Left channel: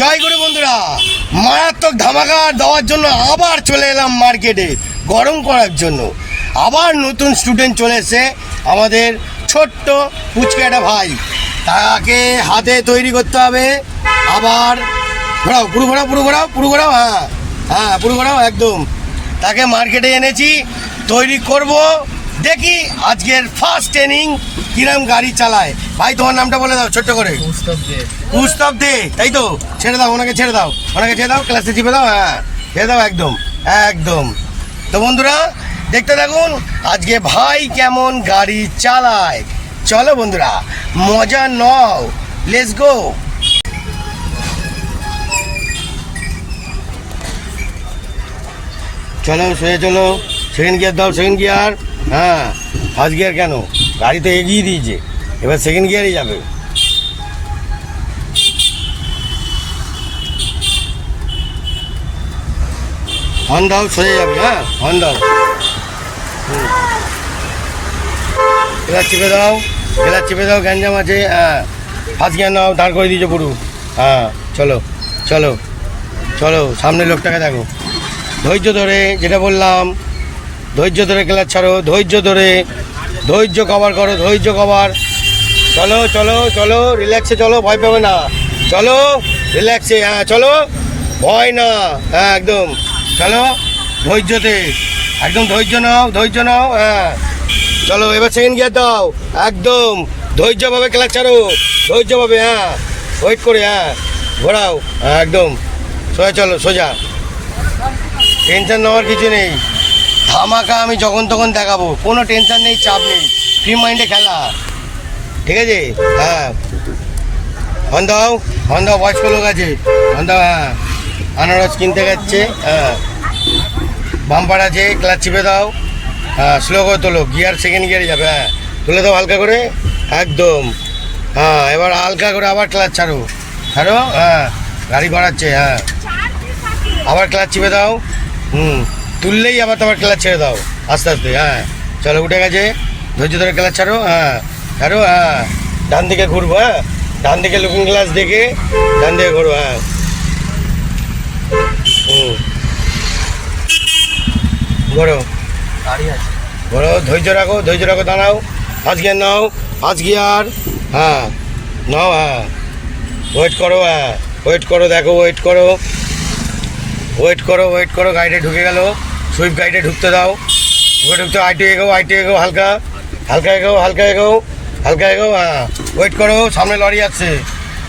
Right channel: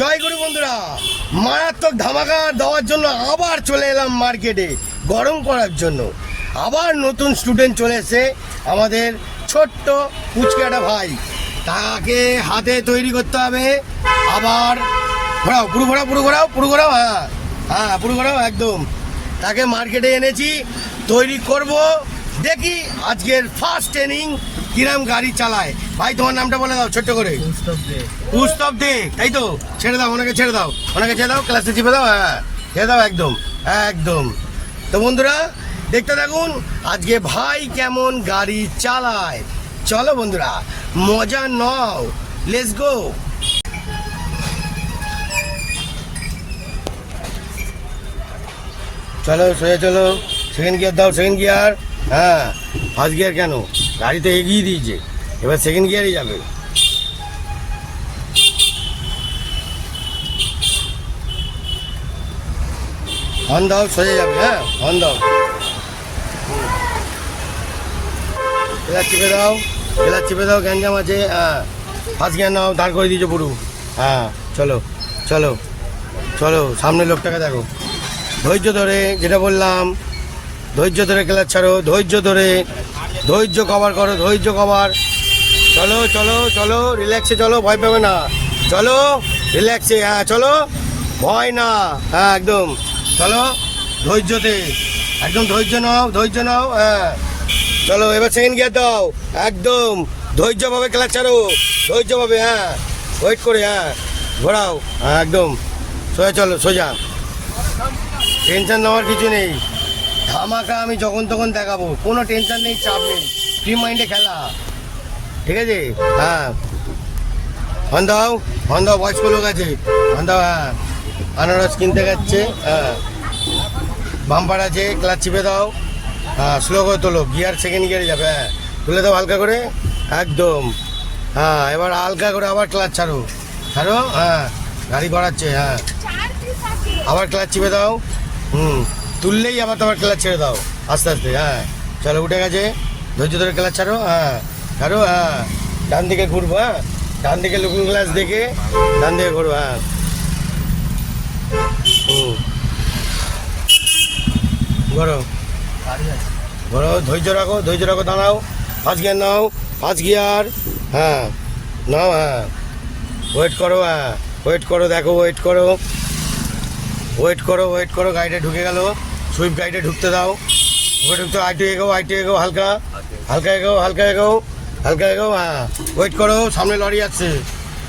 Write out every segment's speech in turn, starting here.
জয় গুরু বন্ধুরা, মারাত্মক ধামাকা দেওয়ার জন্য আবার চলে এলাম মার্কেটে গরম করার জন্য। আবার নতুন স্টুডেন্ট চলে এসে আমাদের ছোট্ট পুচকাটা ভাই, তাকে হাতে তৈরি করতে হবে। আবার ঘোরাও, পুরো ঘোরাও, পুরো ঘোরাও, পুরো ঘোরাও, হ্যাঁ হ্যাঁ পুরো ঘোরাও একদম। তাকে মার্কেটে এনেছি, তৈরি করব। দেখি আজকের ফার্স্ট ট্রেনিং কিরম গাড়ি চালায়। ভাই তোমার নামটা বলে দাও ছোট্ট করে। উস্তাব দে, তাই তো? ছেড়ে দাও ওনাকে, ছেড়ে দাও ওনাকে, ছেড়ে দাও, ক্লাসে চিপে দাও, হ্যাঁ ছেড়ে দাও একদম একদম। তো বন্ধুরা দেখতে থাকুন আজকে ভাই কেমন গাড়ি চালায়। চলো বন্ধুরা মজা নাও, লেটস গো। চলো সোজা চলো, সেকেন্ড গিয়ার দাও, সেকেন্ড গিয়ার। হ্যাঁ ফার্স্ট গিয়ার কেন, গাড়ি তো এগিয়ে দিয়েছে, এবার সেকেন্ড গিয়ারই যাবে। হর্ন দাও, সোজা যাবে, হ্যাঁ হর্ন দাও। ক্লাচ চেপে দাও, ক্লাচ চেপে দাও, গ্যাঞ্জাম আছে। হ্যাঁ ফার্স্ট গিয়ার নাও, দাঁড় করে দিয়েছো পুরো। হ্যাঁ চলো চলো চলো, সামনের লোকটাকে দেখো, ধৈর্য ধরে, যেটা বললাম ধৈর্য ধরে ক্লাচ ছাড়ো, ধৈর্য ধরে, ধৈর্য কভার করো, ধৈর্য কভার। চলো চলো চলো, রিল্যাক্সে চলো, ভয় পাবে না, চলো রিল্যাক্সে, হ্যাঁ চলো, ভয় না, হ্যাঁ একদম চলো ধৈর্যতে, একদম ধৈর্য নাও, ধৈর্য নাও। হ্যাঁ চলো এবার সেকেন্ড গিয়ার দাও, একদম ধৈর্যভাবে ক্লাচ ছাড়ো, ধৈর্যভাবে, হ্যাঁ ওয়েট করে, হ্যাঁ ঘোরাও, হ্যাঁ একদম সোজা চলো, সোজা, টেনশন নেওয়ার কিছু নেই। ধামাকা আমি যখন তখন দেখাবো, কোনো টেনশন নেই, চাপ নেই, ফ্রি মাইন্ডে খেলা, ঠিক আছে? হ্যাঁ হর্ন দাও, হর্ন দাও, বয়স্ক লোক আছে, হর্ন দাও। হ্যাঁ আনারস কিনতে যাচ্ছে, হ্যাঁ বাম্পার আছে, ক্লাচ চিপে দাও, হ্যাঁ স্লো করে তোলো, গিয়ার সেকেন্ড গিয়ারে যাবে, হ্যাঁ তুলে দাও হালকা করে, একদম। হ্যাঁ এবার হালকা করে আবার ক্লাচ ছাড়ো, ছাড়ো, হ্যাঁ গাড়ি বাড়াচ্ছে, হ্যাঁ আবার ক্লাচ চিপে দাও, তুললেই আবার তোমার ক্লাচ ছেড়ে দাও আস্তে আস্তে। হ্যাঁ চলো উঠে গেছে, ধৈর্য ধরে ক্লাচ ছাড়ো, হ্যাঁ ছাড়ো, হ্যাঁ ডান দিকে ঘুরবো, হ্যাঁ ডান দিকে লুকিং গ্লাস দেখে ডান দিকে ঘুরবো, হ্যাঁ ঘোরো, ঘোরো, ধৈর্য রাখো, ধৈর্য রাখো, দাঁড়াও, ফার্স্ট গিয়ার নাও, ফার্স্ট গিয়ার, হ্যাঁ নাও, হ্যাঁ ওয়েট করো, হ্যাঁ ওয়েট করো, দেখো ওয়েট করো, ওয়েট করো, ওয়েট করো, গাড়িতে ঢুকে গেল, সুইফট গাড়িতে ঢুকতে দাও, ঢুকতে আইটে এগো, আইটে এগো, হালকা হালকা এগো, হালকা এগো, হালকা এগো, হ্যাঁ ওয়েট করো, সামনে লরি আসছে,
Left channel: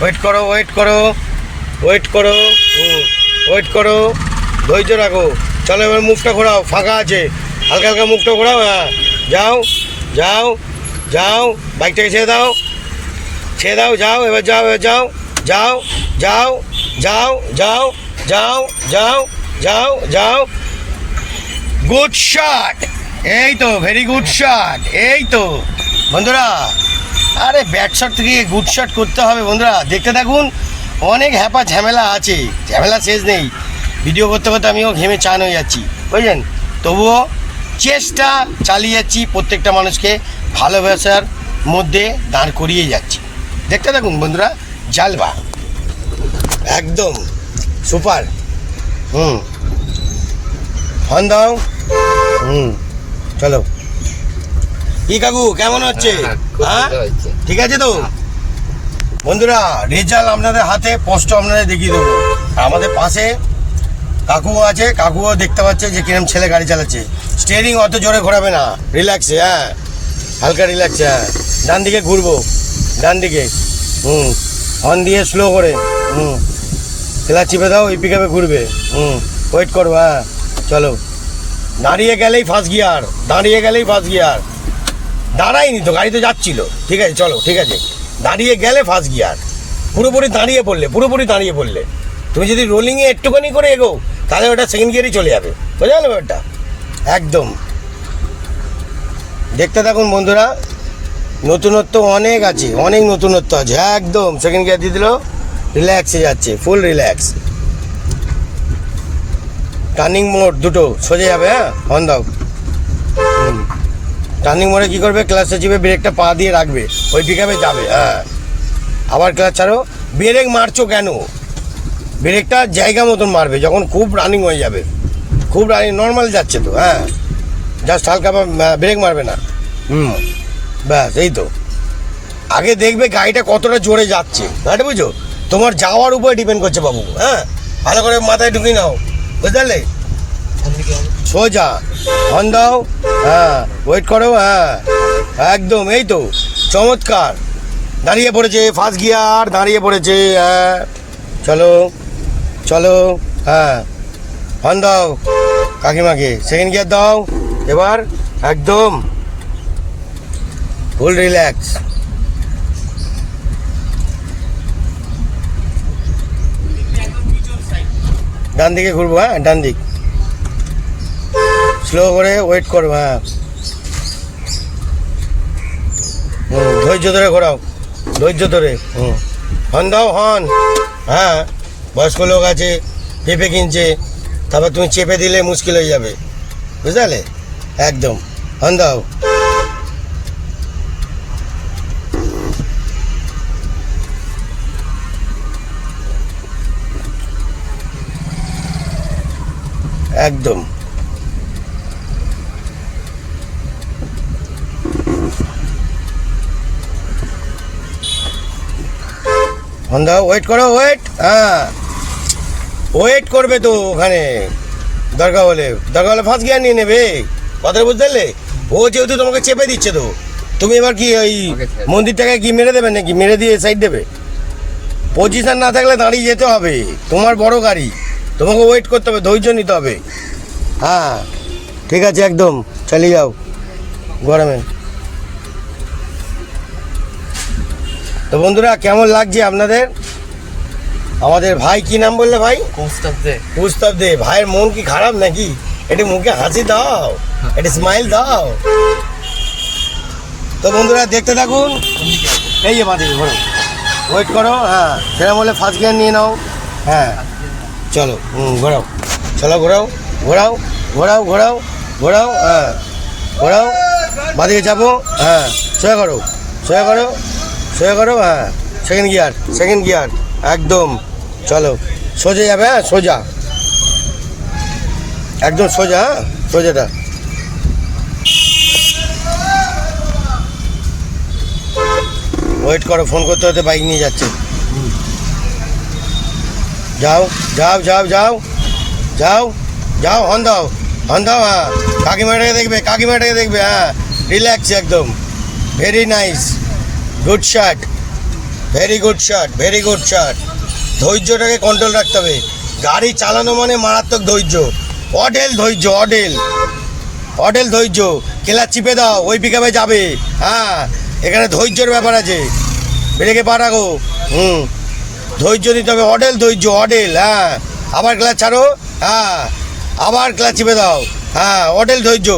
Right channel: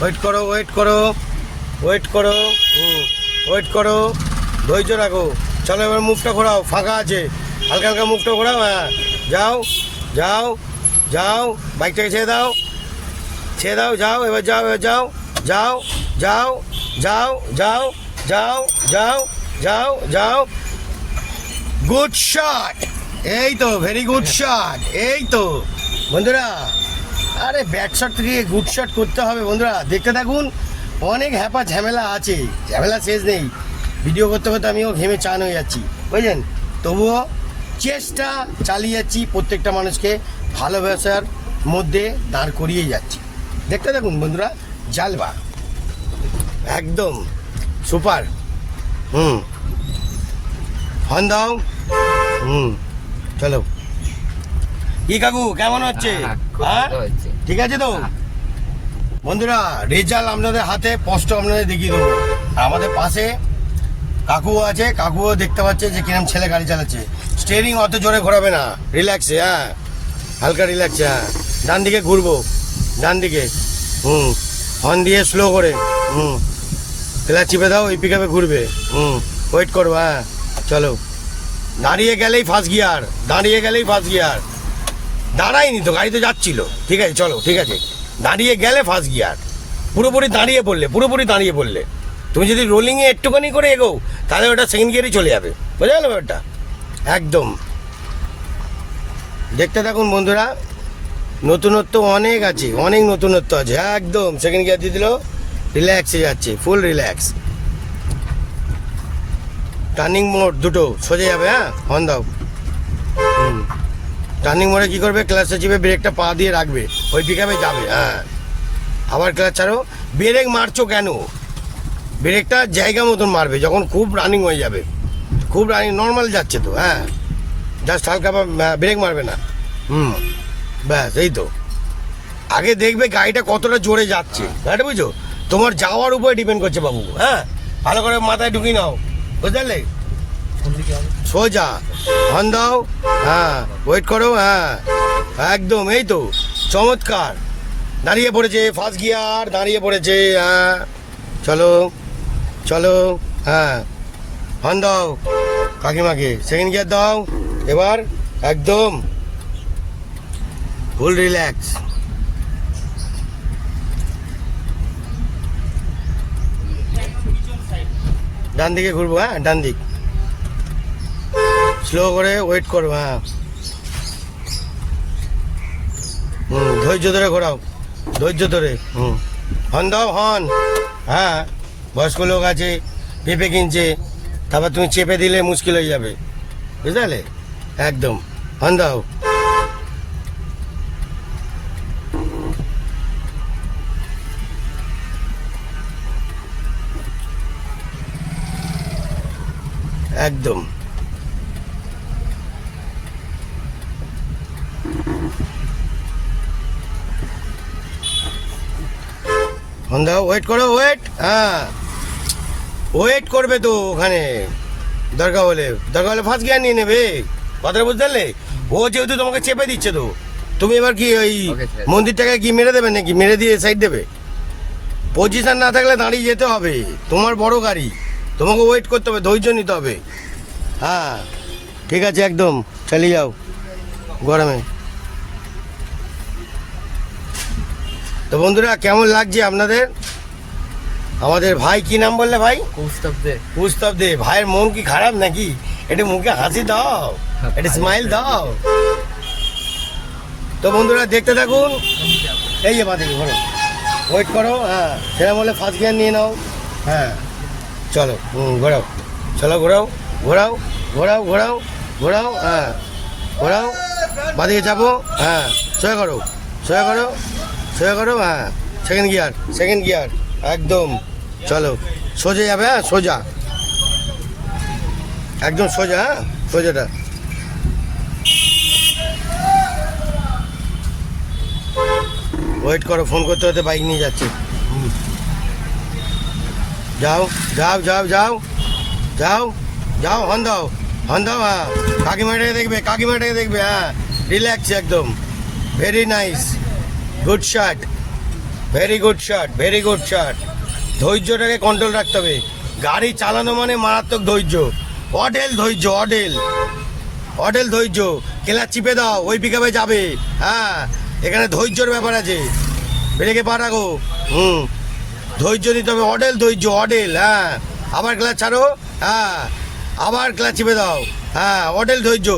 ওয়েট করো, ওয়েট করো, ওয়েট করো, ওয়েট করো, ধৈর্য রাখো। চলো এবার মুখটা ঘোরাও, ফাঁকা আছে, হালকা হালকা মুখটা ঘোরাও, হ্যাঁ যাও যাও যাও, বাইকটাকে ছেড়ে দাও, ছেড়ে দাও, যাও এবার, যাও এবার, যাও যাও যাও যাও যাও যাও যাও যাও যাও, গুড শট, এই তো ভেরি গুড শট, এই তো বন্ধুরা। আরে ব্যাট শট থেকে গুড শট করতে হবে বন্ধুরা, দেখতে থাকুন, অনেক হ্যাপা ঝামেলা আছে, ঝামেলা শেষ নেই। ভিডিও করতে করতে আমিও ঘেমে চান হয়ে যাচ্ছি, বুঝলেন? তবুও চেষ্টা চালিয়ে যাচ্ছি, প্রত্যেকটা মানুষকে ভালোবাসার মধ্যে দাঁড় করিয়ে যাচ্ছি। দেখতে থাকুন বন্ধুরা, জালবা একদম সুপার। হর্ন দাও, চলো। কি কাকু কেমন হচ্ছে? হ্যাঁ ঠিক আছে তো বন্ধুরা, রেজাল্ট আপনাদের হাতে, স্পষ্ট আপনাদের দেখিয়ে দেবো। আমাদের পাশে কাকুও আছে, কাকুও দেখতে পাচ্ছে যে কিরম ছেলে গাড়ি চালাচ্ছে। স্টিয়ারিং অত জোরে ঘোরাবে না, রিল্যাক্সে, হ্যাঁ হালকা রিল্যাক্সে, হ্যাঁ ডান দিকে ঘুরবো, ডান দিকে, হর্ন দিয়ে স্লো করে, ক্লাচ চিপে দাও, এই পিকআপে ঘুরবে, ওয়েট করবো, হ্যাঁ চলো। দাঁড়িয়ে গেলেই ফার্স্ট গিয়ার, দাঁড়িয়ে গেলেই ফার্স্ট গিয়ার, দাঁড়ায়নি তো, গাড়ি তো যাচ্ছিল, ঠিক আছে চলো, ঠিক আছে দাঁড়িয়ে গেলে ফার্স্ট গিয়ার, পুরোপুরি দাঁড়িয়ে পড়লে, পুরোপুরি দাঁড়িয়ে পড়লে, তুমি যদি রোলিংয়ে একটুখানি করে এগো তাহলে ওটা সেকেন্ড গিয়ারই চলে যাবে, বোঝা গেল ব্যাপারটা? একদম দেখতে থাকুন বন্ধুরা, নতুনত্ব অনেক আছে, অনেক নতুনত্ব আছে, একদম সেকেন্ড গিয়ার দিয়ে দিল, রিল্যাক্সে যাচ্ছে, ফুল রিল্যাক্স। টার্নিং মোড় দুটো সোজা যাবে, হ্যাঁ হর্ন দাও, টার্নিং মোড়ে কী করবে, ক্লাচে চিপে ব্রেকটা পা দিয়ে রাখবে, ওই পিকআপে যাবে, হ্যাঁ আবার ক্লাচ ছাড়ো। ব্রেক মারছো কেন? ব্রেকটা জায়গা মতন মারবে যখন খুব রানিং হয়ে যাবে, খুব রানিং নর্মাল যাচ্ছে তো, হ্যাঁ জাস্ট হালকা ব্রেক মারবে না। ব্যাস এই তো। আগে দেখবে গাড়িটা কতটা জোরে যাচ্ছে, গাড়ি বুঝো, তোমার যাওয়ার উপরে ডিপেন্ড করছে বাবু। হ্যাঁ ভালো করে মাথায় ঢুকিয়ে নাও, বুঝতে পারলে? সোজা হর্ন দাও, হ্যাঁ ওয়েট করো, হ্যাঁ একদম এই তো চমৎকার। দাঁড়িয়ে পড়েছে ফার্স্ট গিয়ার, দাঁড়িয়ে পড়েছে, হ্যাঁ চলো চলো, হ্যাঁ হর্ন দাও কাকিমাকে, সেকেন্ড গিয়ার দাও এবার, একদম ফুল রিল্যাক্স। ডান দিকে ঘুরবো, হ্যাঁ ডান দিক, স্লো করে ওয়েট করো, হ্যাঁ ধৈর্য ধরে ঘোরাও, ধৈর্য ধরে। হর্ন দাও হর্ন, হ্যাঁ বয়স্ক লোক আছে পেঁপে কিনছে, তারপর তুমি চেপে দিলে মুশকিল হয়ে যাবে, বুঝতে পারলে? একদম হর্ন দাও। একদম হর্ন দাও, ওয়েট করো, ওয়েট, হ্যাঁ ওয়েট করবে তো ওখানে, দরকার হলে ফার্স্ট গিয়ার নিয়ে নেবে, কথাটা বুঝতে পারলে? ও যেহেতু তোমাকে চেপে দিচ্ছে তো তুমি এবার কি ওই মন্দিরটাকে কি মেরে দেবে নাকি, মেরে দিয়ে সাইড দেবে? পজিশন না থাকলে দাঁড়িয়ে যেতে হবে, তোমার বড় গাড়ি, তোমাকে ওয়েট করতে হবে, ধৈর্য নিতে হবে। হ্যাঁ ঠিক আছে, একদম চালিয়ে যাও গরমে। তো বন্ধুরা কেমন লাগছে আপনাদের? আমাদের ভাই কি নাম বললে ভাই? কৌস্তব দে। ভাইয়ের মন কি খারাপ নাকি? একটু মুখে হাসি দাও, একটু স্মাইল দাও। তো বন্ধুরা দেখতে থাকুন, এই যে বাদিকে ঘোরো, ওয়েট করো, হ্যাঁ সেটা বলে ফার্স্ট গিয়ার নিয়ে নাও, হ্যাঁ চলো ঘোরাও, চলো ঘোরাও ঘোরাও ঘোরাও ঘোরাও ঘোরাও, হ্যাঁ ঘোরাও, বাদিকে যাবো, হ্যাঁ সোজা করো সোজা করো সোজা করো, হ্যাঁ সেকেন্ড গিয়ার একদম, চলো সোজা যাবে, হ্যাঁ সোজা একদম সোজা, হ্যাঁ সোজাটা। ওয়েট করো, ফোন করতে হতে বাইক নিয়ে যাচ্ছে। যাও যাও যাও যাও যাও যাও, হর্ন দাও হ্যাঁ কাকিমাটাকে দেখবে, হ্যাঁ রিল্যাক্স একদম, very nice, good shot, very good shot. ধৈর্যটাকে কন্ট্রোল রাখতে হবে, গাড়ি চালানো মানে মারাত্মক ধৈর্য, অডেল ধৈর্য। ক্লাচ চিপে দাও, ওই পিকআপে যাবে, হ্যাঁ এখানে ধৈর্যের ব্যাপার আছে, ব্রেকে পা রাখো, ধৈর্য দিতে হবে, অডেল, হ্যাঁ আবার ক্লাচ ছাড়ো, হ্যাঁ আবার ক্লাচ চিপে দাও, হ্যাঁ অডেল ধৈর্য।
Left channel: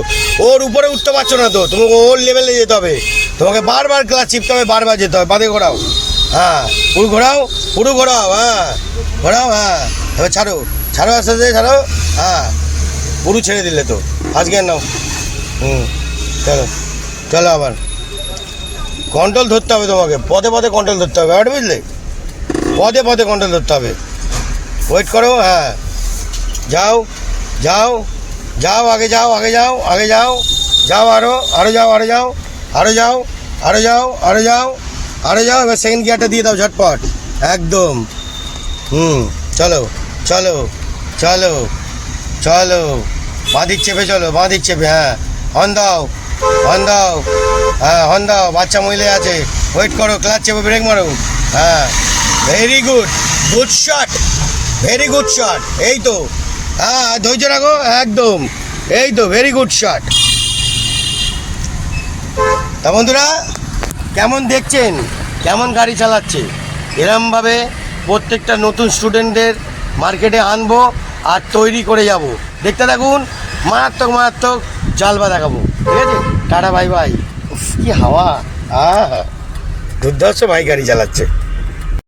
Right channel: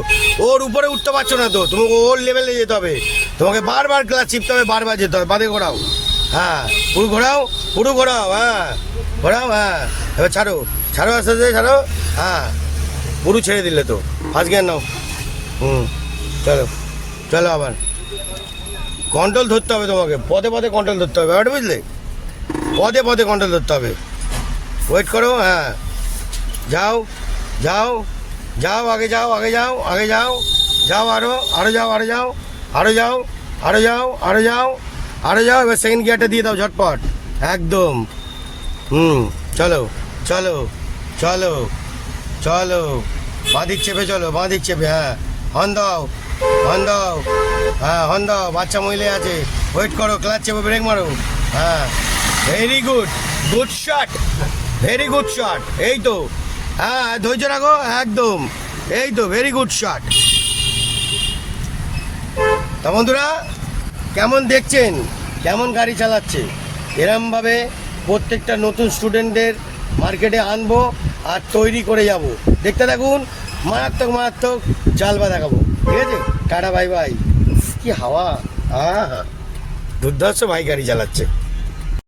ওর উপরে উঠতে পারছো না তো, তোমাকে ওর লেভেলে যেতে হবে, তোমাকে বারবার ক্লাচ চিপতে হবে, বারবার যেতে হবে, বাদে ঘোরাও, হ্যাঁ পুরো ঘোরাও, হ্যাঁ ঘোরাও, হ্যাঁ এবার ছাড়ো আস্তে আস্তে ছাড়ো, হ্যাঁ পুরো ছেড়ে দিলে তো, ফার্স্ট গিয়ার নাও, চলো আবার কন্ট্রোল ধরতে হবে তোমাকে, পদে কন্ট্রোল ধরতে হবে, আর বুঝলে, পদে কন্ট্রোল ধরতে হবে। ওয়েট করো, হ্যাঁ যাও আগে যাও আরো যাও, এবার সেকেন্ড গিয়ারটা দিয়ে দাও ঝটপট, একদম চলো বাঁ দিক চেপে, হ্যাঁ হর্ন দাও, হ্যাঁ হর্ন দাও, বাচ্চা মহিলা আছে, ওয়েট করো, ক্লাচ চেপে ব্রেক মারো, হ্যাঁ ভেরি গুড শট, এই তো, হ্যাঁ ধৈর্য রাখো, একদম এই তো, ভেরি গুড শট। তা বন্ধুরা কেমন দেখছেন, কেমন গাড়ি চালাচ্ছে? এরমভাবে প্রত্যেকটা নতুন স্টুডেন্টদের মার্কেটে আনবো আর তৈরি করে যাব, দেখতে থাকুন, মারাত্মক জালবা দেখাবো, ঠিক আছে? Tata bye bye. কি হাওয়া, দুর্ধর্ষ ভাই গাড়ি চালাচ্ছে।